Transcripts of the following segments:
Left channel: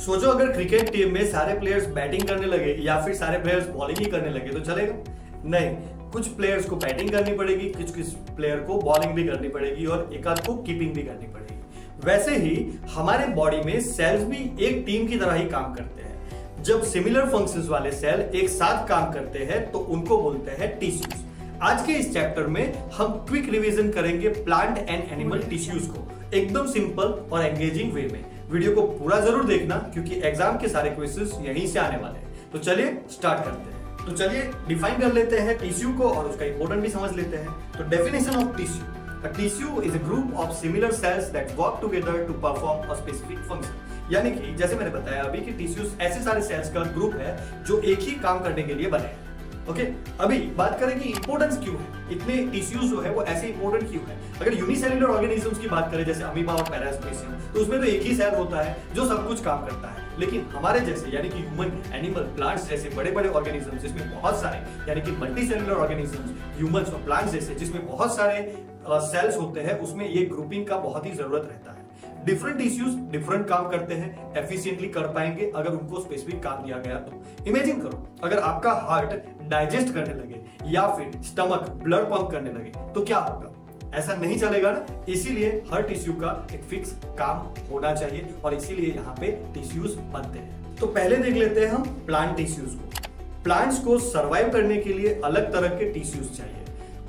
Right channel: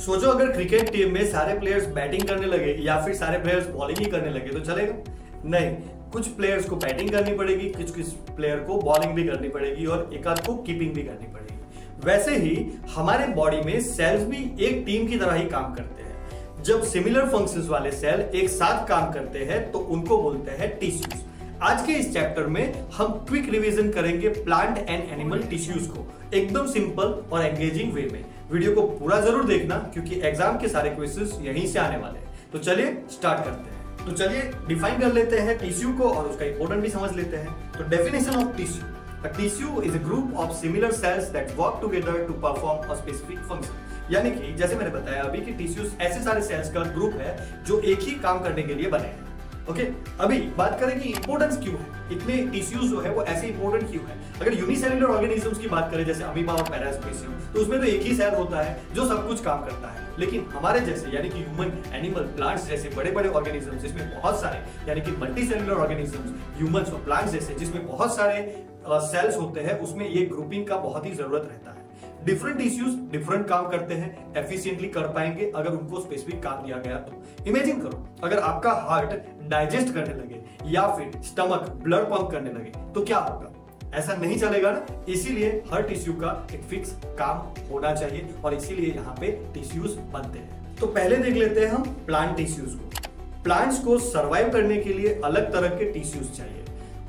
सोचो अगर cricket team में सारे प्लेयर्स बैटिंग करने लगे या फिर सारे प्लेयर्स बॉलिंग भी करने लगे तो चलेगा? नहीं, कुछ प्लेयर्स को बैटिंग करनी पड़ेगी, कुछ प्लेयर को बॉलिंग भी करनी पड़ेगी और एक आध को कीपिंग भी करनी पड़ेगी। वैसे ही हमारे बॉडी में सेल्स भी एक टीम की तरह ही काम करते हैं। जब सिमिलर फंक्शंस वाले सेल एक साथ काम करते हैं तो उनको बोलते हैं टिश्यूज। आज के इस चैप्टर में हम क्विक रिवीजन करेंगे प्लांट एंड एनिमल टिश्यूज को एकदम सिंपल और एंगेजिंग वे में। वीडियो को पूरा जरूर देखना क्योंकि एग्जाम के सारे क्वेश्चंस यहीं से आने वाले हैं। तो चलिए स्टार्ट करते हैं। तो चलिए डिफाइन कर लेते हैं टिश्यू को और उसका इंपॉर्टेंट भी समझ लेते हैं। तो definition of tissue, a tissue is a group of similar cells that work together to perform a specific function. यानी कि जैसे मैंने बताया अभी कि टिश्यूज ऐसे सारे सेल्स का ग्रुप है जो एक ही काम करने के लिए बने हैं। ओके, अभी बात करें कि इंपोर्टेंस क्यों है, इतने टिश्यूज जो है वो ऐसे इंपोर्टेंट क्यों है। अगर यूनिसेलुलर ऑर्गेनिजम्स की बात करें जैसे अमीबा और पैरासाइट तो उसमें तो एक ही सेल होता है जो सब कुछ काम करता है। लेकिन हमारे जैसे यानी कि ह्यूमन, एनिमल, प्लांट्स जैसे बड़े बड़े ऑर्गेनिजम्स जिसमें बहुत सारे यानी कि मल्टीसेलुलर ऑर्गेनिजम्स, ह्यूमन्स और प्लांट्स जैसे जिसमें बहुत सारे सेल्स होते हैं उसमें ये ग्रुपिंग का बहुत ही जरूरत रहता है। डिफरेंट टिश्यूज डिफरेंट काम करते हैं, एफिशिएंटली कर पाएंगे अगर उनको स्पेसिफिक काम दिया गया तो। इमेजिन करो अगर आपका हार्ट डाइजेस्ट करने लगे या फिर स्टमक ब्लड पंप करने लगे तो क्या होगा? ऐसा नहीं चलेगा ना। इसीलिए हर टिश्यू का एक फिक्स काम होना चाहिए और इसीलिए यहाँ पे टिश्यूज बनते हैं। तो पहले देख लेते हैं हम प्लांट टिश्यूज को। प्लांट्स को सर्वाइव करने के लिए अलग तरह के टिश्यूज चाहिए।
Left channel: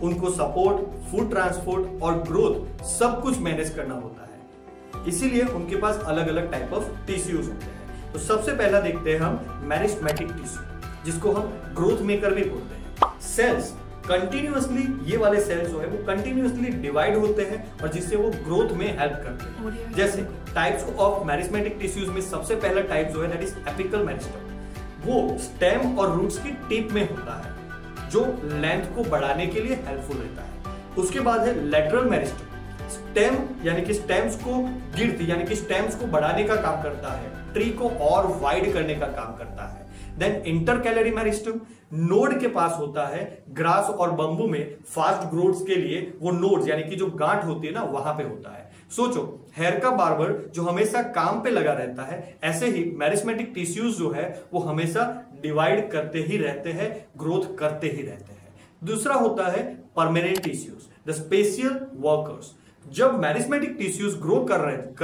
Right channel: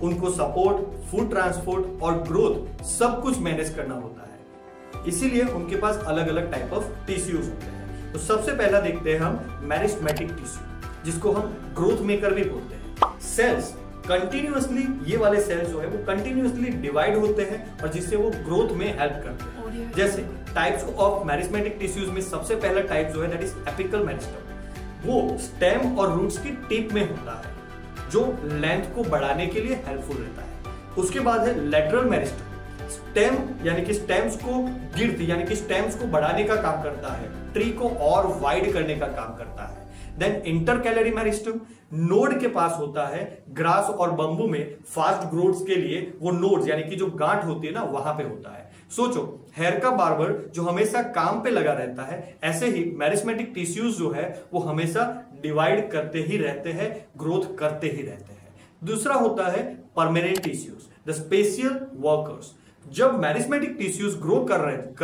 उनको सपोर्ट, फूड ट्रांसपोर्ट और ग्रोथ सब कुछ मैनेज करना होता है, इसीलिए उनके पास अलग अलग टाइप ऑफ टिश्यूज होते हैं। तो सबसे पहला देखते हैं हम मैरिस्मेटिक टिश्यू, जिसको हम ग्रोथ मेकर भी बोलते हैं। सेल्स कंटिन्यूअसली, ये वाले सेल्स जो है वो कंटिन्यूअसली डिवाइड होते हैं और जिससे वो ग्रोथ में हेल्प करते हैं। जैसे टाइप्स ऑफ मैरिस्मेटिक टिश्यूज में सबसे पहला टाइप जो है दैट इज एपिकल मैरिस्मेटिक। वो स्टेम और रूट्स की टिप में होता है जो लेंथ को बढ़ाने के लिए हेल्पफुल रहता है। उसके बाद है लेटरल मैरिस्मेटिक। स्टेम यानी कि स्टेम्स को गिर्द यानी कि स्टेम्स को बढ़ाने का काम करता है, ट्री को और वाइड करने का काम करता है। देन इंटरकैलरी मेरिस्टम, नोड के पास होता है। ग्रास और बंबू में फास्ट ग्रोथ के लिए वो नोड यानी कि जो गांठ होती है ना वहां पे होता है। सोचो हेयर का बार्बर जो हमेशा काम पे लगा रहता है, ऐसे ही मैरिस्मेटिक टिश्यूज जो है वो हमेशा डिवाइड करते ही रहते हैं, ग्रोथ करते ही रहते हैं। दूसरा होता है permanent tissues, the special workers. जब मैरिस्मेटिक टिश्यूज ग्रो कर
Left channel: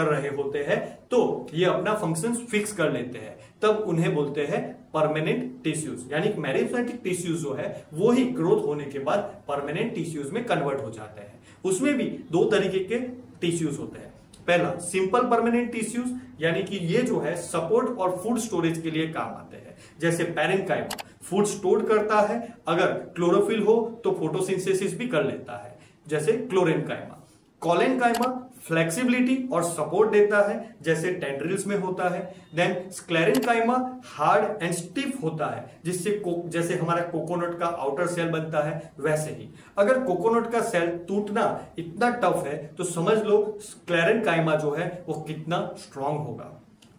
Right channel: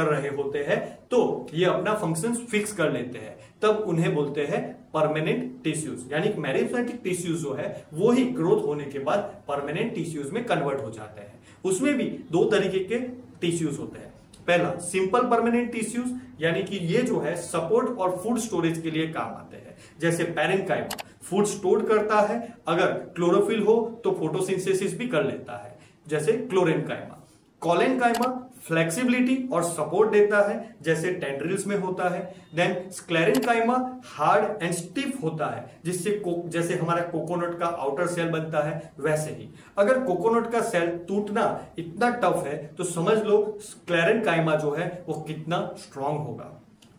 रहे होते हैं तो ये अपना फंक्शन फिक्स कर लेते हैं, तब उन्हें बोलते हैं परमानेंट टिश्यूज। यानी मैरिस्मेटिक टिश्यूज जो है वो ही ग्रोथ होने के बाद परमानेंट टिश्यूज में कन्वर्ट हो जाते हैं। उसमें भी दो तरीके के टिश्यूज होते हैं। पहला सिंपल परमानेंट टिश्यूज, यानी कि ये जो है सपोर्ट और फूड स्टोरेज के लिए काम आते हैं। जैसे पैरेन्काइमा फूड स्टोर करता है, अगर क्लोरोफिल हो तो फोटोसिंथेसिस भी कर लेता है, जैसे क्लोरेन्काइमा। कोलेन्काइमा फ्लेक्सिबिलिटी और सपोर्ट देता है, जैसे टेंड्रिल्स में होता है। Then sclerenchyma hard and stiff होता है, जिससे जैसे हमारा कोकोनट का आउटर सेल बनता है वैसे ही। अगर कोकोनट का सेल टूटना इतना टफ है तो समझ लो स्क्लेरेन्काइमा जो है वो कितना स्ट्रांग होगा।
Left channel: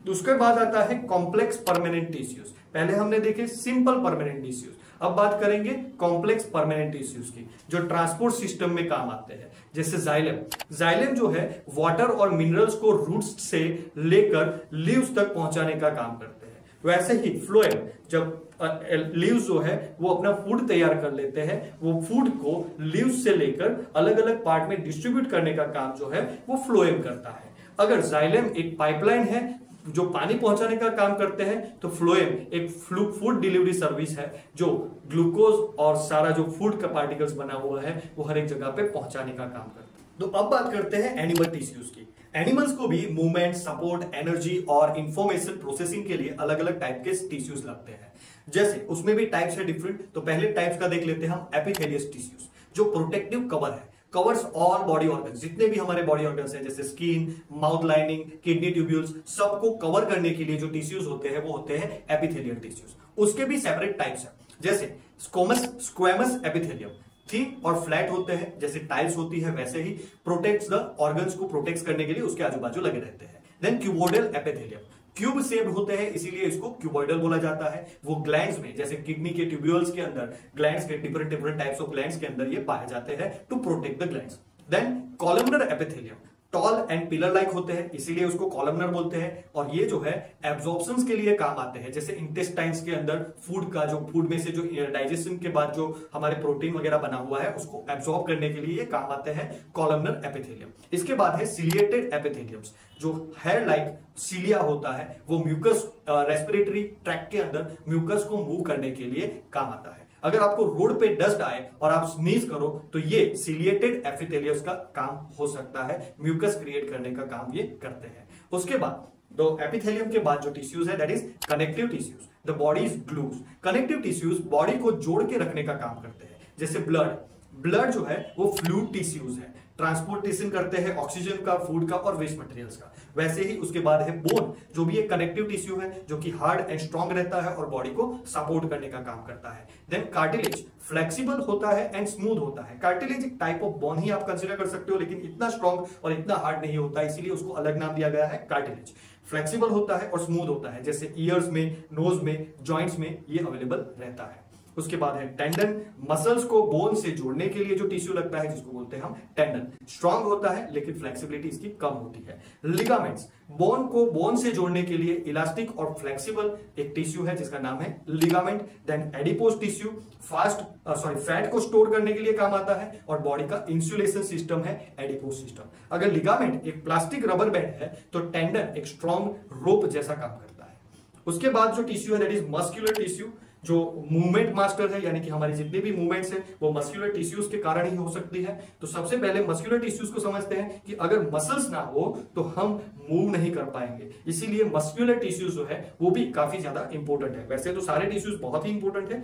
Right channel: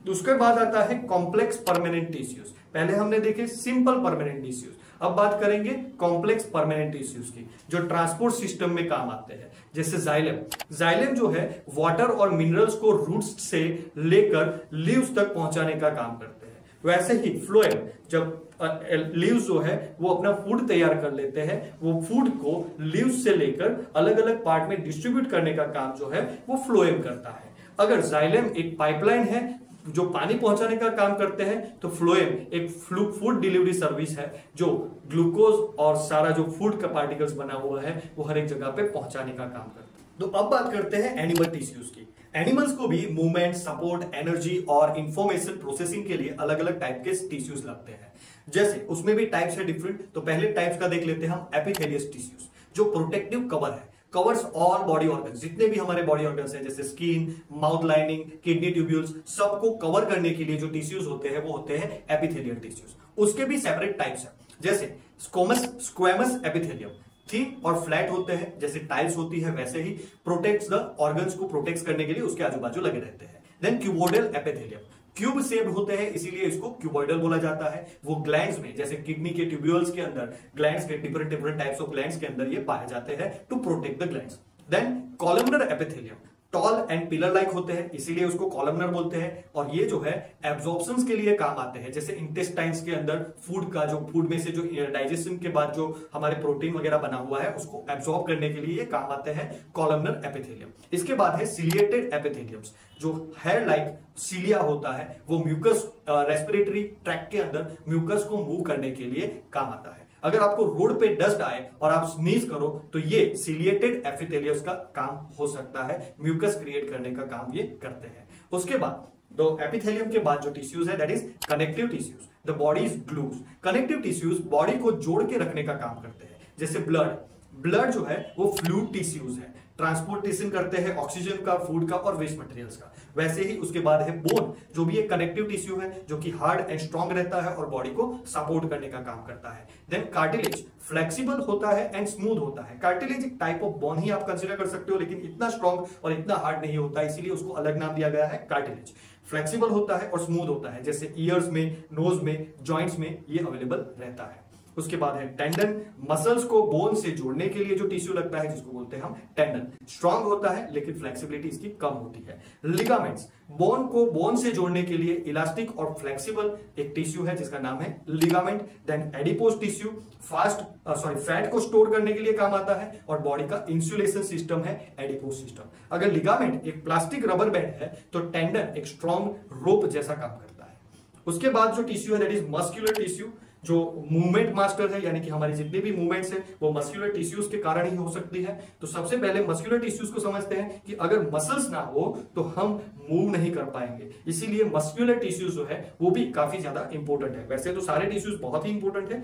उसके बाद आता है कॉम्प्लेक्स परमानेंट टिश्यूज। पहले हमने देखे सिंपल परमानेंट टिश्यूज, अब बात करेंगे कॉम्प्लेक्स परमानेंट टिश्यूज की जो ट्रांसपोर्ट सिस्टम में काम आते हैं। जैसे जाइलम, जाइलम जो है वाटर और मिनरल्स को रूट्स से लेकर लीव्स तक पहुंचाने का काम करते हैं। वैसे ही फ्लोएम, जब लीव्स जो है वो अपना फूड तैयार कर लेते हैं, वो फूड को लीव्स से लेकर अलग अलग पार्ट में डिस्ट्रीब्यूट करने का काम जो है वो फ्लोएम करता है। अगर जाइलम एक पाइपलाइन है जो पानी पहुंचाने का काम करते हैं, तो फ्लोएम एक फूड डिलीवरी सर्विस है जो ग्लूकोज और सारा जो फूड का पार्टिकल्स बना हुआ है वो हर एक जगह पे पहुंचाने का काम करता है। तो अब बात करते हैं एनिमल टिश्यूज की। एनिमल्स को भी मूवमेंट, सपोर्ट, एनर्जी और इंफॉर्मेशन प्रोसेसिंग के लिए अलग अलग टाइप के टिश्यूज लगते हैं। जैसे उसमें भी टाइप्स है डिफरेंट। तो पहले टाइप्स का देख लेते हैं हम एपिथेलियस टिश्यूज, जो प्रोटेक्टिव कवर है, कवर्स ऑल बॉडी ऑर्गन्स। जितने भी हमारे बॉडी ऑर्गन्स हैं जैसे skin, mouth lining, kidney tubules, सबको कवर करने के लिए जो टिश्यूज होते हैं वो होते हैं एपिथेलियल टिश्यूज। उसके भी सेपरेट टाइप्स हैं, जैसे स्क्वेमस एपिथेलियम थिक और फ्लैट होते हैं, जैसे टाइल्स होती है वैसे ही प्रोटेक्ट्स द ऑर्गन्स को प्रोटेक्ट करने के लिए उसके आजू बाजू लगे रहते हैं। Then cuboidal epithelium, cube shape होते हैं इसीलिए इसको क्यूबोइडल बोला जाता है। वो ग्लैंड्स में जैसे किडनी के ट्यूब्यूल्स के अंदर, ग्लैंड्स के डिफरेंट टाइप्स ऑफ ग्लैंड्स के अंदर ये पाए जाते हैं to protect the glands. Then columnar epithelium, tall and pillar like होते हैं, इसीलिए उसको कॉलमनर बोलते हैं। और ये जो है एब्जॉर्प्शंस के लिए काम आते हैं, जैसे इंटेस्टाइन्स के अंदर फूड का जो फूड में से जो डाइजेशन के बाद जो हमारे प्रोटीन वगैरह बना हुआ है उसको एब्जॉर्ब करने के लिए ये काम आते हैं कॉलमनर एपिथेलियम। इसके बाद है सिलिएटेड एपिथेलियम्स, जो हेयर लाइक सिलिया होता है, वो म्यूकस रेस्पिरेटरी ट्रैक्ट के अंदर म्यूकस को मूव करने के लिए काम आता है। अगर आपको रोड पे डस्ट आए और आप स्नीज करो तो ये सिलिएटेड एपिथेलियम्स का काम हो सकता है, म्यूकस क्रिएट करने का काम ये करते हैं। उसके बाद तो एपिथेलियम के बाद जो टिश्यूज है that is connective tissues, the body is glues. Connective tissues body को जोड़ के रखने का काम करते हैं, जैसे ब्लड जो है वो फ्लूइड टिश्यूज है, ट्रांसपोर्टेशन करते हैं ऑक्सीजन का, फूड का और वेस्ट मटेरियल्स का। वैसे ही उसके बाद है बोन, जो भी एक कनेक्टिव टिश्यू है, जो कि हार्ड एंड स्ट्रॉन्ग रहता है और बॉडी को सपोर्ट करने का काम करता है। देन कार्टिलेज फ्लेक्सिबल होता है एंड स्मूथ होता है। कार्टिलेज एक टाइप ऑफ बोन ही आप कंसीडर कर सकते हो, लेकिन इतना स्ट्रॉन्ग और इतना हार्ड नहीं होता, इसीलिए उसको अलग नाम दिया गया है कार्टिलेज। फ्लेक्सिबल होता है और स्मूथ होता है, जैसे ईयर्स में, नोज में, जॉइंट्स में ये अवेलेबल रहता है। उसके बाद है टेंडन, मसल्स को बोन से जोड़ने के लिए जो टिश्यू लगता है जिसको बोलते हैं हम टेंडन। स्ट्रांग होता है लेकिन फ्लेक्सिबिलिटी इसकी कम होती है। लिगामेंट्स, बोन को बोन से जोड़ने के लिए इलास्टिक और फ्लेक्सिबल एक टिश्यू है जिसका नाम है ligament. Then adipose tissue fat को स्टोर करने के लिए काम आता है और बॉडी का इंसुलेशन सिस्टम है एडिपोज सिस्टम। अगर लिगामेंट एक प्लास्टिक रबर बैंड है तो टेंडन एक स्ट्रॉन्ग रोप जैसा काम करता है। उसके बाद जो टिश्यू है दैट इज मस्कुलर टिश्यू, जो मूवमेंट मास्टर है, यानी कि हमारी जितनी भी मूवमेंट्स है वो मस्कुलर टिश्यूज के कारण ही हो सकती है। तो सबसे पहले मस्कुलर टिश्यूज को समझते हैं कि अगर मसल्स ना हो तो हम मूव नहीं कर पाएंगे, इसीलिए मस्कुलर टिश्यूज जो है वो भी काफी ज्यादा इंपॉर्टेंट है। वैसे तो सारे टिश्यूज बहुत ही इंपॉर्टेंट है,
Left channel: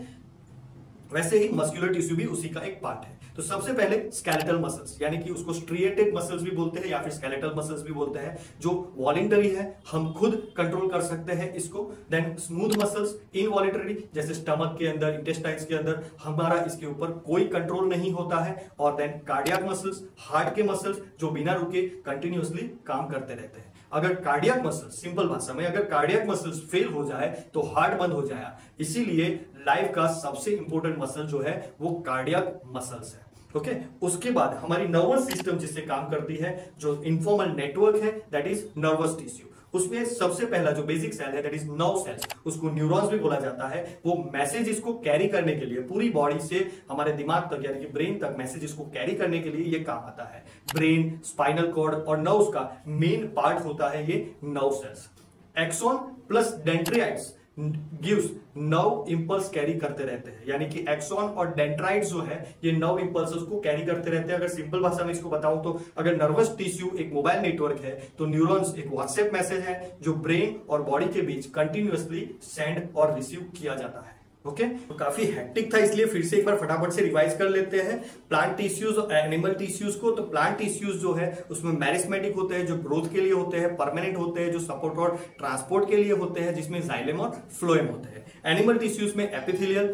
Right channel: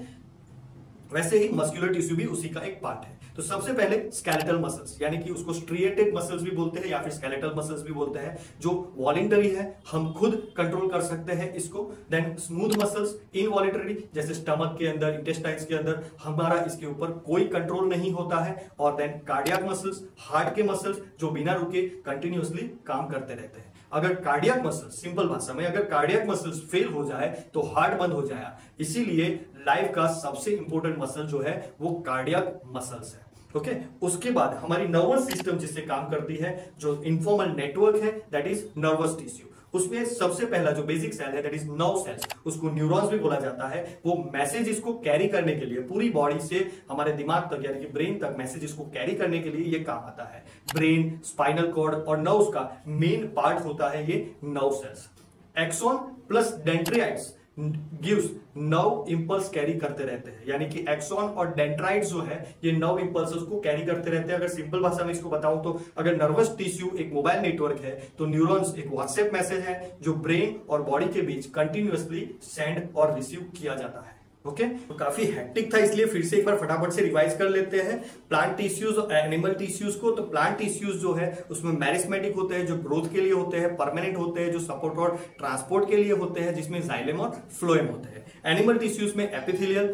वैसे ही मस्कुलर टिश्यू भी उसी के लिए इंपॉर्टेंट है। तो सबसे पहले स्केलेटल मसल्स, यानी कि उसको स्ट्रिएटेड मसल्स भी बोलते हैं या फिर स्केलेटल मसल्स भी बोलते हैं, जो वॉलंटरी है, हम खुद कंट्रोल कर सकते हैं इसको। देन स्मूथ मसल्स, इनवॉलंटरी, जैसे स्टमक के अंदर, इंटेस्टाइन्स के अंदर हमारा इसके ऊपर कोई कंट्रोल नहीं होता है। और देन कार्डियक मसल्स, हार्ट के मसल्स जो बिना रुके कंटिन्यूअसली काम करते रहते हैं। अगर कार्डियक मसल्स, सिंपल भाषा में, अगर कार्डियक मसल्स फेल हो जाए तो हार्ट बंद हो जाए, इसीलिए लाइफ का सबसे इंपॉर्टेंट मसल जो है वो कार्डियक मसल्स है। ओके, उसके बाद हमारी नर्वस सिस्टम जिससे काम करती है, जो इंफॉर्मल नेटवर्क है दैट इज नर्वस टिश्यू। उसमें सबसे पहला जो बेसिक सेल है दैट इज नर्व सेल्स, उसको न्यूरॉन्स भी बोला जाता है। वो मैसेज इसको कैरी करने के लिए पूरी बॉडी से हमारे दिमाग तक यानी कि ब्रेन तक मैसेज इसको कैरी करने के लिए ये काम आता है। ब्रेन, स्पाइनल कॉर्ड और नर्व्स का मेन पार्ट होता है ये nerve cells. Axon plus dendrites gives nerve impulse carry करते रहते हैं, यानी कि एक्सॉन और डेंड्राइट्स जो है ये नर्व इंपल्सेस को कैरी करते रहते हैं। अगर सिंपल भाषा में इसको बताऊं तो अगर नर्वस टिश्यू एक मोबाइल नेटवर्क है तो न्यूरॉन्स एक व्हाट्सएप मैसेज है जो ब्रेन और बॉडी के बीच कंटिन्यूअसली सेंड और रिसीव किया जाता है। ओके, तो काफी हेक्टिक था, इसलिए फिर से एक बार फटाफट से रिवाइज कर लेते हैं प्लांट टिश्यूज और एनिमल टिश्यूज को। तो प्लांट टिश्यूज जो है उसमें मैरिस्मेटिक होते हैं जो ग्रोथ के लिए होते हैं, परमानेंट होते हैं जो सपोर्ट और ट्रांसपोर्ट के लिए होते हैं जिसमें जाइलम और फ्लोएम होते हैं। एनिमल टिश्यूज में एपिथेलियल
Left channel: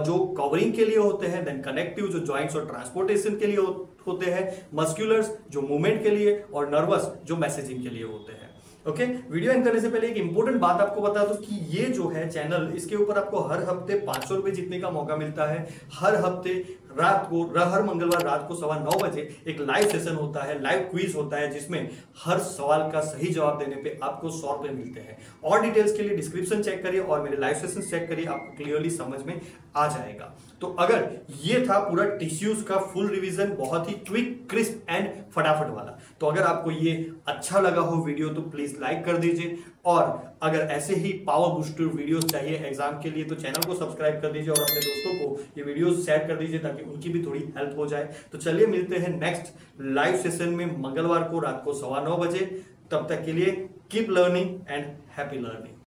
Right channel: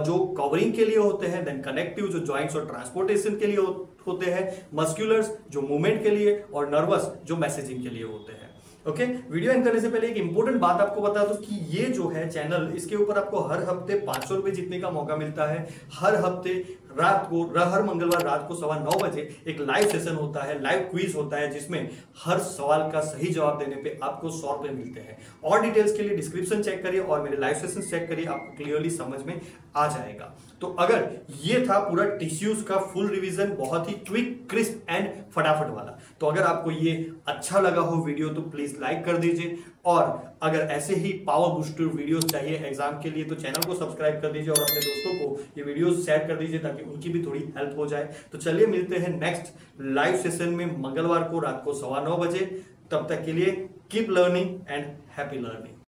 जो कवरिंग के लिए होते हैं, देन कनेक्टिव जो जॉइंट्स और ट्रांसपोर्टेशन के लिए होते हैं, मस्कुलर्स जो मूवमेंट के लिए और नर्वस जो मैसेजिंग के लिए होते हैं। ओके, वीडियो एंड करने से पहले एक इंपॉर्टेंट बात आपको बता दूं कि ये जो है चैनल, इसके ऊपर आपको हर हफ्ते 500 रुपए जीतने का मौका मिलता है। हर हफ्ते रात को, हर मंगलवार रात को 9:15 बजे एक लाइव सेशन होता है, लाइव क्विज होता है, जिसमें हर सवाल का सही जवाब देने पे आपको 100 रुपए मिलते हैं। और डिटेल्स के लिए डिस्क्रिप्शन चेक करिए और मेरे लाइव सेशन चेक करिए, आप क्लियरली समझ में आ जाएगा। तो अगर ये था पूरा टिश्यूज का फुल रिवीजन, बहुत ही क्विक, क्रिस्प एंड फटाफट वाला। तो अगर आपको ये अच्छा लगा हो वीडियो तो प्लीज लाइक कर दीजिए, और अगर ऐसे ही पावर बूस्टिंग वीडियोस चाहिए एग्जाम के लिए तो चैनल को सब्सक्राइब कर दीजिए और अपने दोस्तों को ये वीडियोस शेयर कर दीजिए ताकि उनकी भी थोड़ी हेल्प हो जाए। तो चलिए मिलते हैं नेक्स्ट लाइव सेशन में मंगलवार को रात को 9:15 बजे। तब तक के लिए keep learning and happy learning.